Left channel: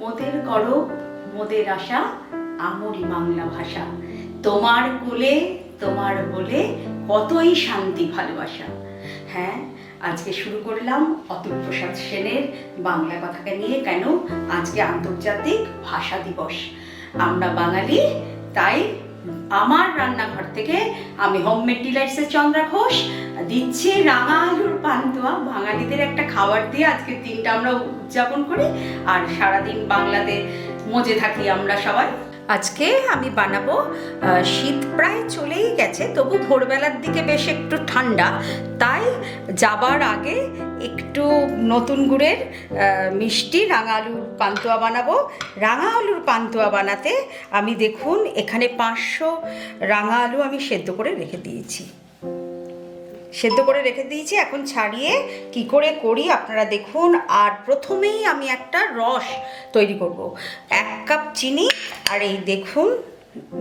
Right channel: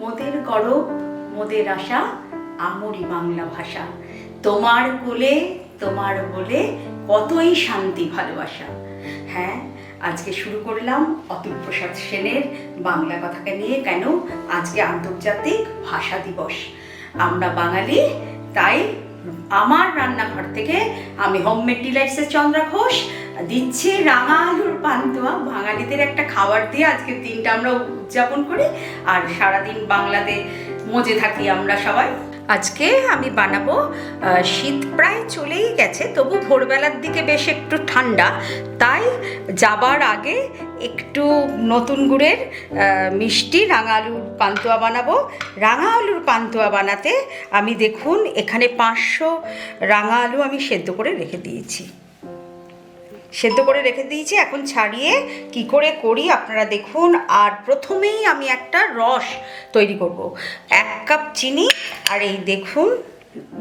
মোদের করব মোদের আশা, আমরি বাংলা ভাষা। তোমার কোলে, তোমার বলে কতই শান্তি ভালোবাসা। হ্যাঁ আজকে শুরু করলাম অতুল প্রসাদ সেনের বাংলা কথাকে নিয়ে কেন আজকে আন্তর্জাতিক ভাষা দিবস। আমরা বাঙালি, তাই আমার রান্নাঘর থেকে আমি হোমমেড ডিলাইটসের চন্দ্রা ঘোষ, দিচ্ছি রাঙা আলুর পান্তুয়া। বাঙালিদের একটা খাবার দিয়ে আজকের দিনটা আমরা উদযাপন করি। আর সারাদিন বাংলাতে মজে থাকি আমরা সবাই। আজকে আমি বানাবো শীত প্রায় চলেই গেছে, তবু ভোরবেলার দিকে বেশ একটু ঠান্ডা। তাই যাবার আগে একটু নতুন গুড়ের মিষ্টি রাঙা আলুর পান্তুয়া বানাবো। রাঙা আলুর পান্তুয়া বানাতে আমি দেখুন এখানে পাঁচশো রাঙা আলু আমি সেদ্ধ করে রেখে দিয়েছি। সেদ্ধ করে রেখে দিয়েছি। এখন ছাড়িয়ে কি করে করি আপনারা দেখুন। আর প্রথমেই আমি একটা রস তৈরি করব। এক কাপ চিনি আর এই দেখুন,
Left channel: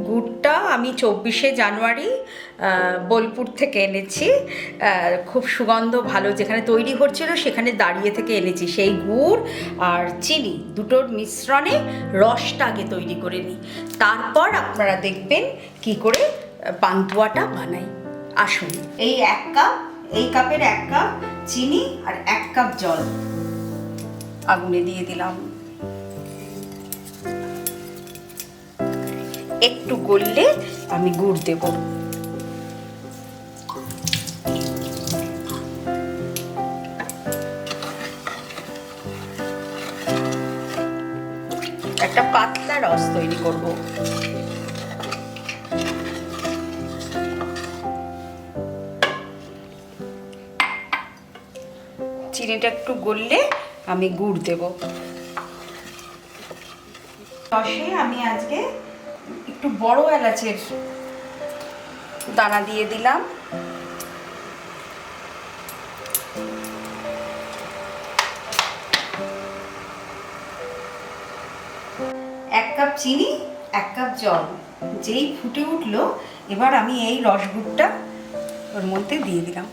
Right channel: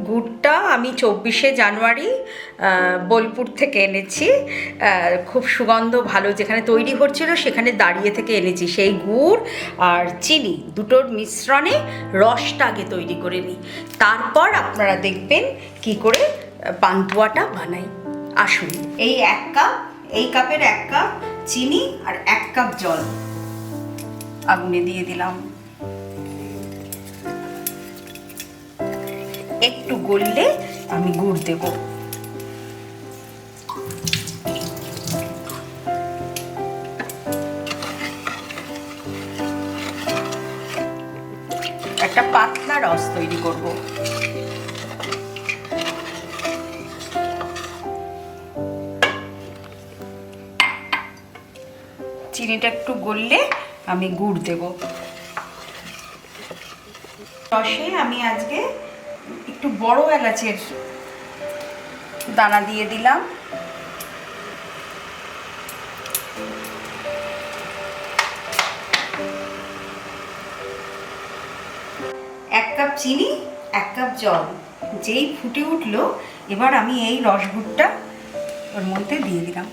গুড়টা আমি চব্বিশে জানুয়ারি বোলপুর থেকে এনেছি। খুব সুগন্ধ ভালো, যেখানে তৈরি হচ্ছিল সেখানে দাঁড়িয়ে থেকে এনেছি। সেই গুড় আর চিনি দুটোর মিশ্রণে রসটা আগে তৈরি করে নিই। তারপর আপনারা দেখবেন কি করে পান্তুয়াটা বানাই। আসুন। এই এক কাপ, এই কাপের এক কাপ চিনি আর এক কাপ জল। আগুনে দিয়ে দিলাম। একটু গললে আমি গুড় দেব। একটা পাতলা রস তৈরি করব। চিনিটা একটু গললে আমি গুড় দেব। রসে আমি আজকে একটু বড় এলাচের দানা দিয়ে দিলাম। এক কাপ চিনি, এক কাপ জল, যেই ফুটে উঠল, এবার আমি এই রসগুড়টা ওর মধ্যে দিয়ে দিলাম।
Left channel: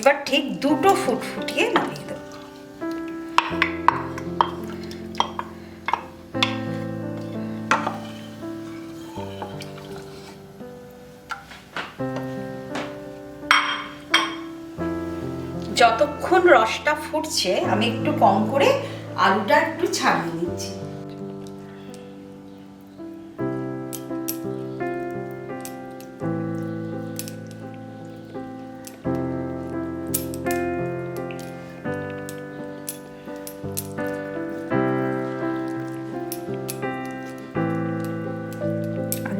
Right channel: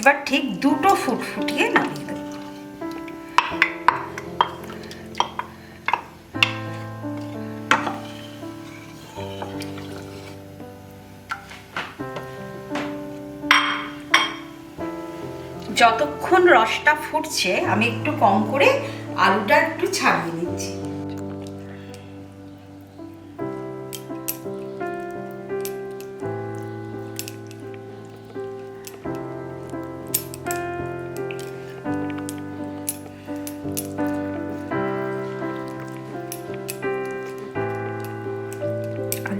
এবার ঠিক দুটো ফুট ফুটিয়ে নামিয়ে দেবো। যতক্ষণ রসটা ফুটছে, আমি একটু কম করে আলুটা একটু ছাড়িয়ে নিচ্ছি।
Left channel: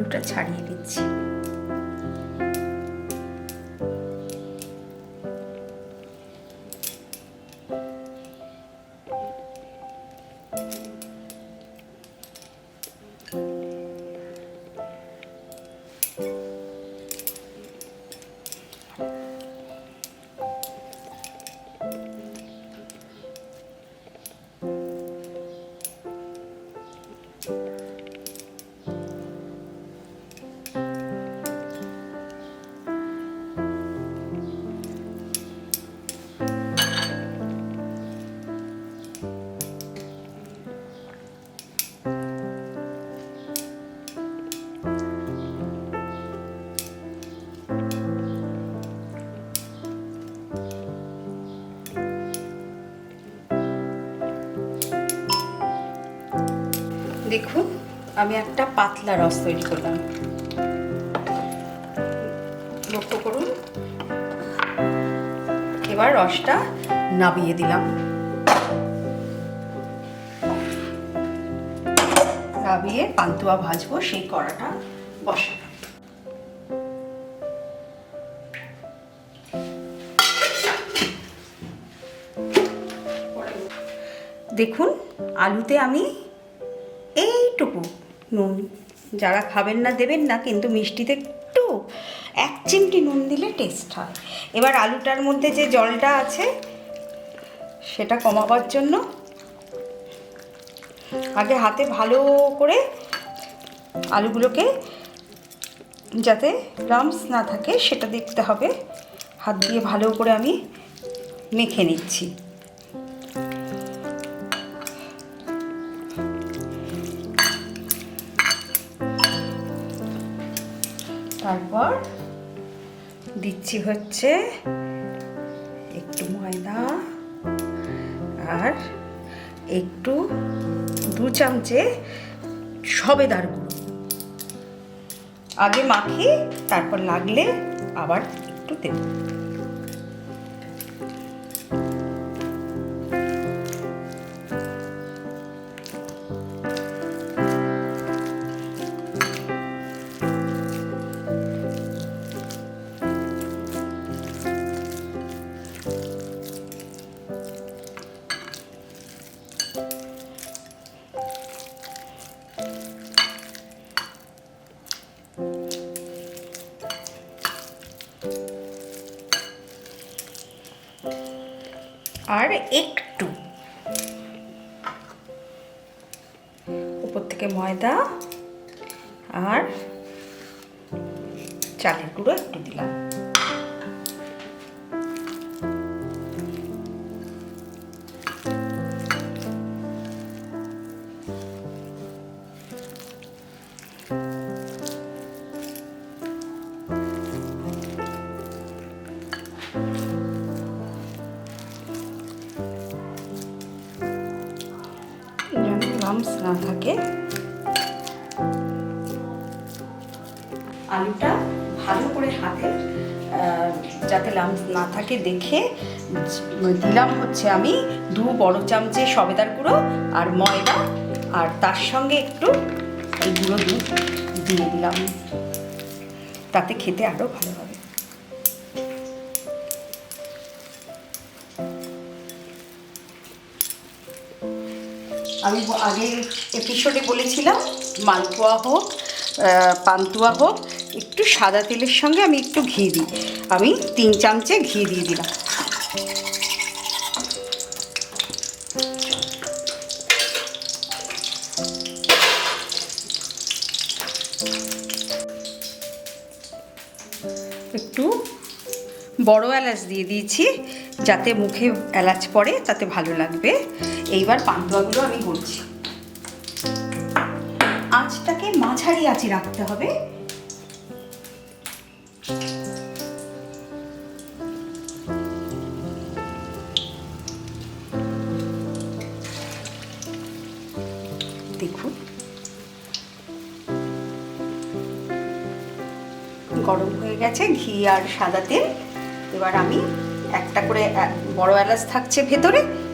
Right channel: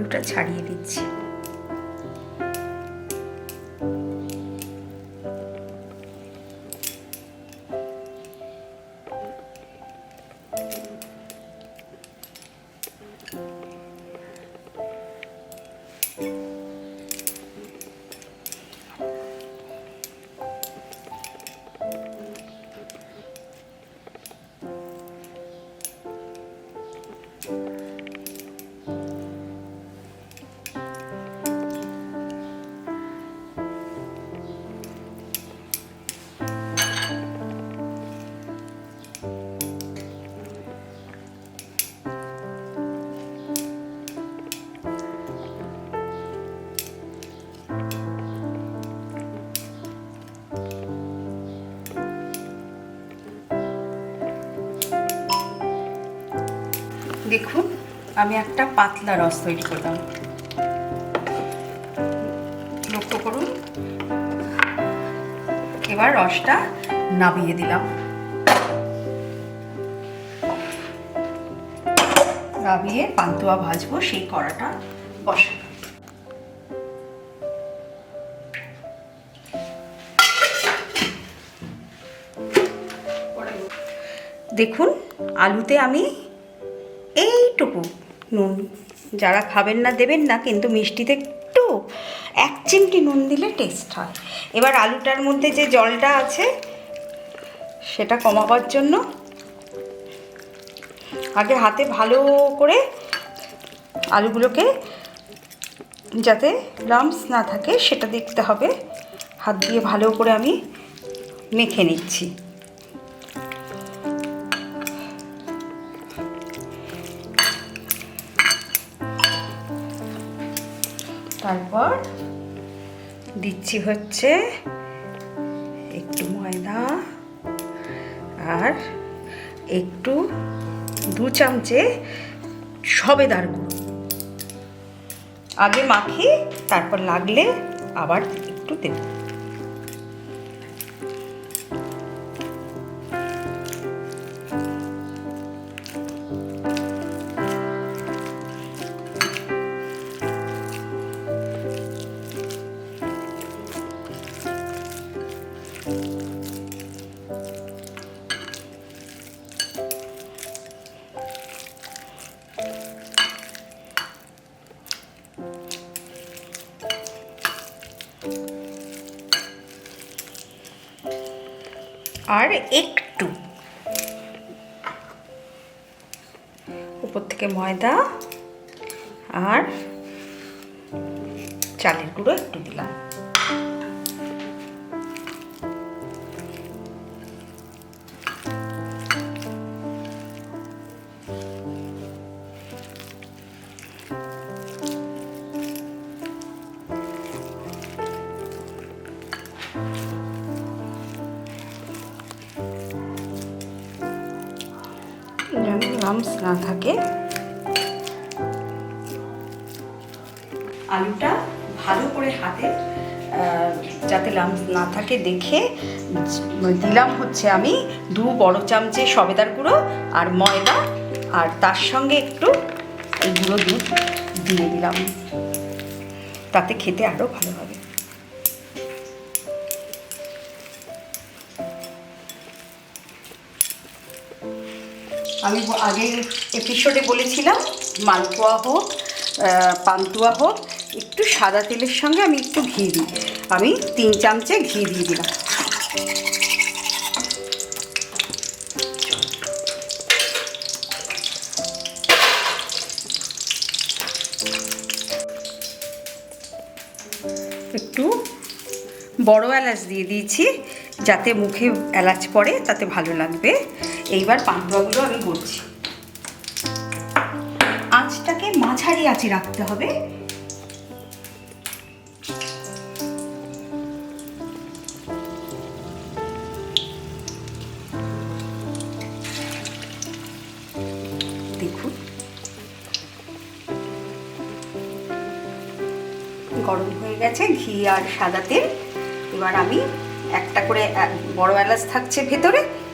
আলুটা ছাড়িয়ে দিচ্ছি দেখুন, আমি একটা পাতলা রস তৈরি করলাম। লক্ষ্য করুন, এবার রসটা নামিয়ে দিলাম। নামিয়ে পান্তুয়া ভাজবো, সেই কড়াটা বসালাম দেখুন, আলুতে আমি এইটুকু নুন যারা খাবেন না দেবেন না, কিন্তু মিষ্টিতে একটু, এক চিমটি নুন দিলে টেস্ট হয়। এবার আলুটার মধ্যে যে জলটা আছে, সেটা কমাবার জন্য আগে হাতে ভালো করে আলুগুলোকে যাতে লামস না থাকে, সেটা দেখতে হবে। হাত দিয়ে ভালো করে আমি মেখে নিচ্ছি। তারপর দিচ্ছি হচ্ছে একটু ময়দা আর একটু দু চামচে সবেদার গুঁড়ো। আগে মাখি তারপর লাগলে আবার একটু দেব। আর একটু। উপর থেকে ময়দা আর চালের গুঁড়ো একটু দিলাম। যেন লামস না থাকে। আলুটা ভালো করে হাতে যাতে লামস না থাকে, দেখে দিলাম হচ্ছে আমি দু বড় চামচে সবেদার গুঁড়ো আর ময়দা, আর তার সঙ্গে একটু এই গুঁড়ো দুধ দিয়ে দিলাম। তাতে খেতে আরও ভালো হবে। আমি আগের এপিসোডে বলেছিলাম, মালপোয়া হোক পান্তুয়া হোক, একটু সাদা তেলের সঙ্গে আমি একটু ঘি দিই। আমি তিন চামচে ঘি দিয়ে দিলাম। একটু বড় এলাচ দিয়ে দিয়েছি, যাতে মুখে এলাচ পড়ে, তাতে ভালো লাগবে। এইবার পান্তুয়াগুলো আমি করছি। আঁচটাকে মাঝারি আঁচে রাখতে হবে। দেখুন। গরম হয়ে গেছে, ঘি আর সাদা তেল। এবার আমি একটা করে বড় এলাচ থাকছে ভেতরে।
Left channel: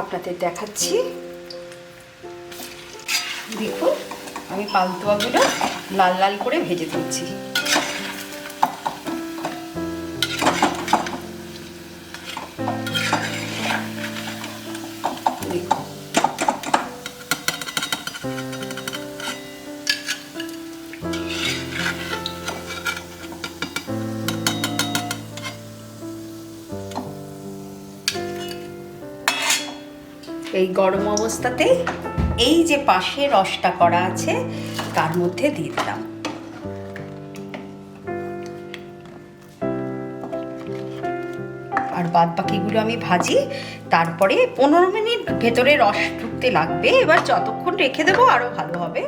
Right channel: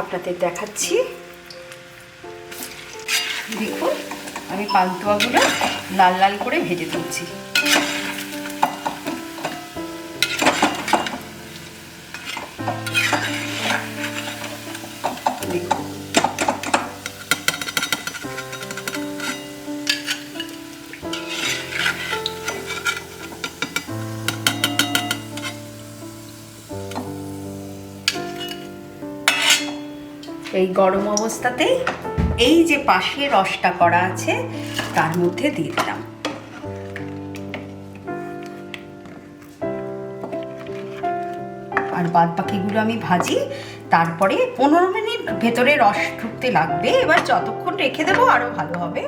আপনাদের দেখাচ্ছি। দেখুন আমি পান্তুয়াগুলো লাল লাল করে ভেজে তুলছি। এই গরম অবস্থাতেই এই যে পাশে রসটা করা আছে, তার মধ্যে দিয়ে দিলাম। আর বাদ বাকিগুলো আমি ভাজি, তারপরে পনেরো মিনিট ভেতরে রস ঢুকতে লাগবে। এবার যতক্ষণ রেখে দেবো আরও ভালো হবে।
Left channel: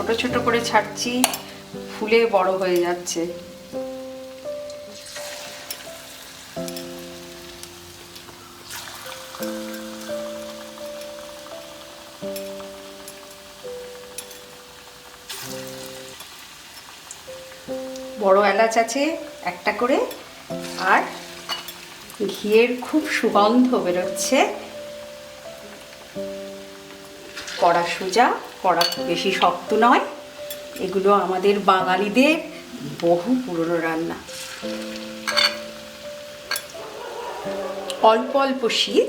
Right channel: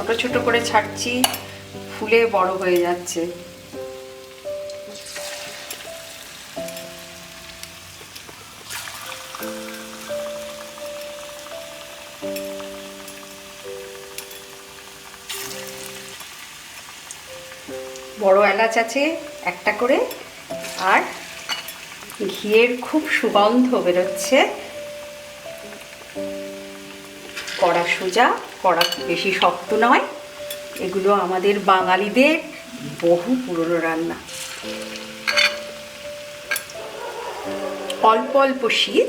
ছোট ছোট করে ছাড়ছি, ফুলে বড় হয়ে যাচ্ছে। বড় এলাচ আছে একটা করে, আর ঘিয়ের খুব সুগন্ধ বেরোচ্ছে। কড়া সোজা। করা বেশি শক্ত নয়। এগুলো আমাদের বাঙালিদের বহু পুরনো রান্না। অল্প অল্প শীত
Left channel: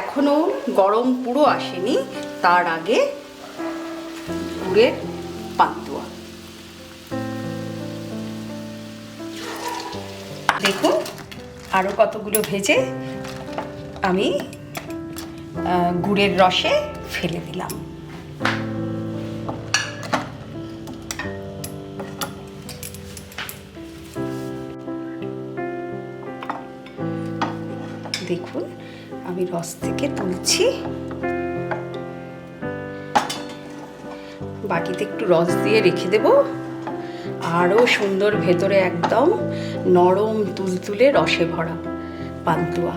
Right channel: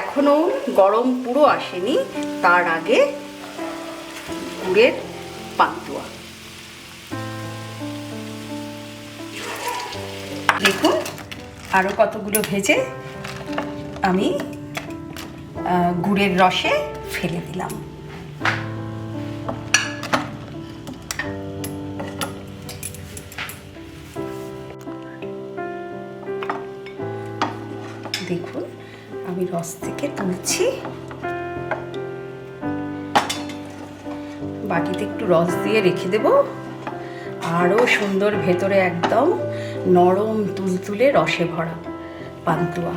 এখনও গরম পুরো আসেনি, তার আগে গুড়ের পান্তুয়া। দেখুন আরও কতগুলো ভেজে আমি গুড়ের রসে ফেলে দিলাম। দেখুন, আমি রস থেকে তুলছি। বাটিতে একটু রস দিয়ে রেখে দেব। আরও সুন্দর ভেতরে একদম নরম তুলতুলে রসে ভরা পান্তুয়া।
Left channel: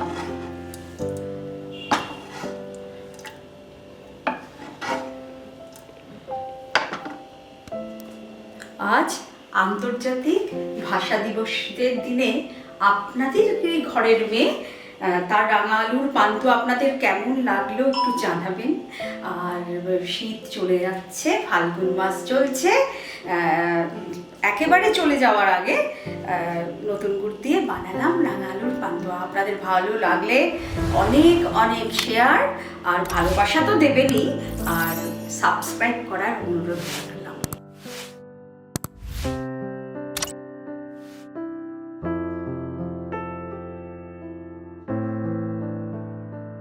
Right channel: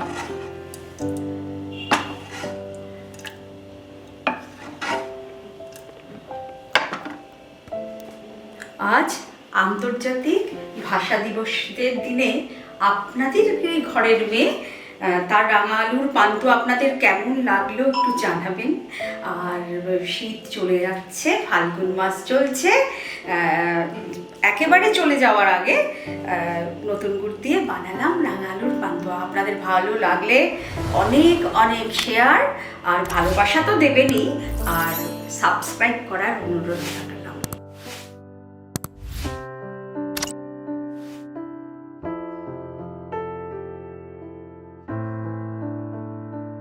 আজ আন্তর্জাতিক ভাষা দিবসের দিনে আপনাদের ঘরের মেয়ে তার রাঙা আলুর পান্তু আপনাদের কেমন লাগল একটু জানাবেন? আর শীত চলে যাচ্ছে, ফাল্গুন মাস চলছে একেবারে চলে যাওয়ার আগে নতুন গুড় দিয়ে বানালাম রাঙা আলুর পান্তুয়া আপনাদের ভালো লাগলে অনেক অনেক শেয়ার আর ভালোবাসা তো দেবেনই, আর সাবস্ক্রাইব করার অনুরোধ।